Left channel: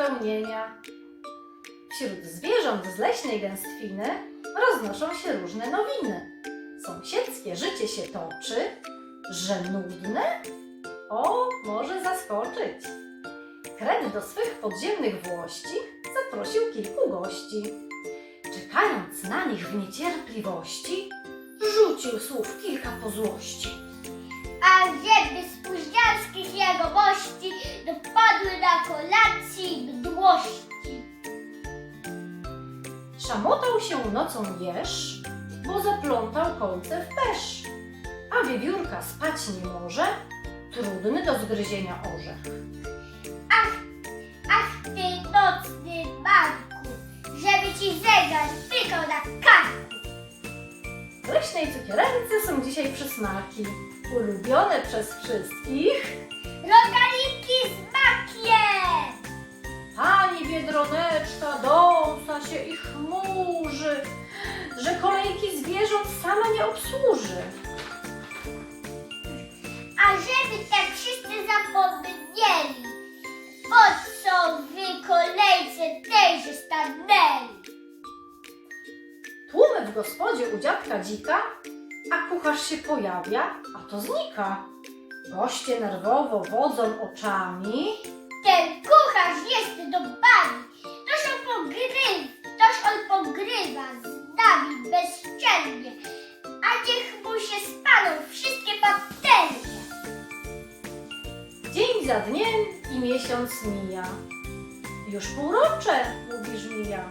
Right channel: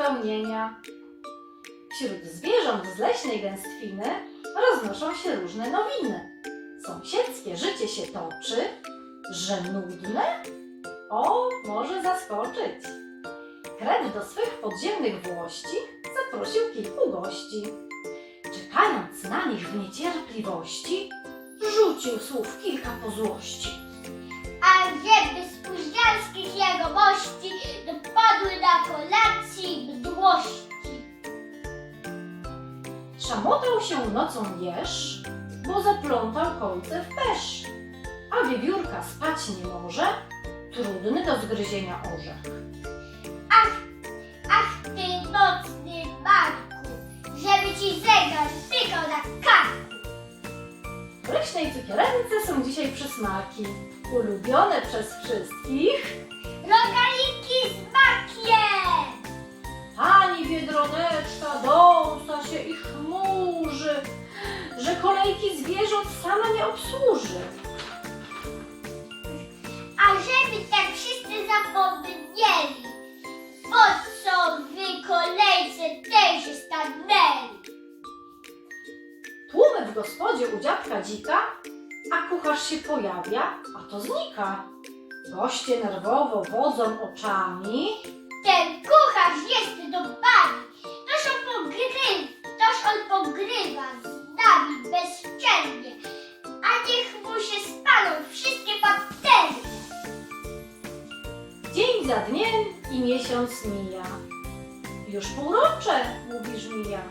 spełnienia. Wśród zwierząt z leśnej gęstwiny roznoszą się różne nowiny. Sąsiedzkie życie się toczy, że nudne? O, może zaskoczyć. Kret do swych podziemnych włości zaprosił kilku gości. Czekając na nich w niecierpliwości, rzucił słów kilka po złości. A żeby spóźnialskich jegomości mdłości. Szamotał się nocą jeż, bo zaplątał kolce w pesz. A wiewiórka spać nie może, trudny do zgryzienia orzech. Ach, ach ty nocny Marku, żeby ci zegar pykał na karku. W leśnej cukierence są dzisiaj przysmaki, ulubione przez wszystkich. Rogaliki kolejki zwierząt sama nie obsłuży. A żeby tak wszyscy zapomnieli, po co wy kolejce tejże stanęli? Tłumy w gospodzie u dziadka dzika, a kucharz się pojawia, a to znika. Goście nerwowo wodzą oczami, Ten kucharz za dniem i miesiąc mija. Już półrocze, mówi żmija.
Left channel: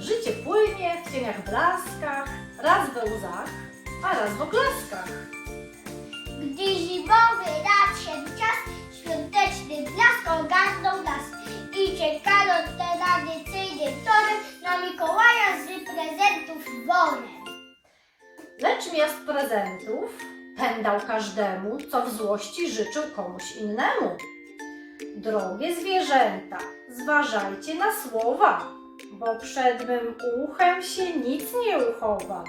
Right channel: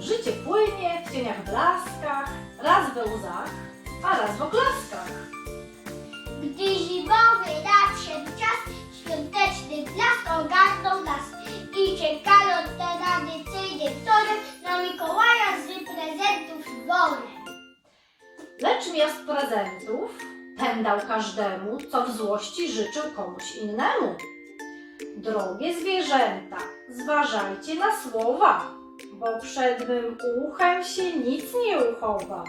Życie płynie w cieniach blaskach, raz we łzach, a raz w oklaskach. Gdy zimowy nadszedł czas, świąteczny blask ogarnął nas i czekano tradycyjnym torem na Mikołaja z prezentów worem. Lecz miast prezentów ten dał każdemu, co w złości życzył komuś innemu. Drogie zwierzęta, zważajcie na słowa, bo przed mym uchem się nic nie uchowa.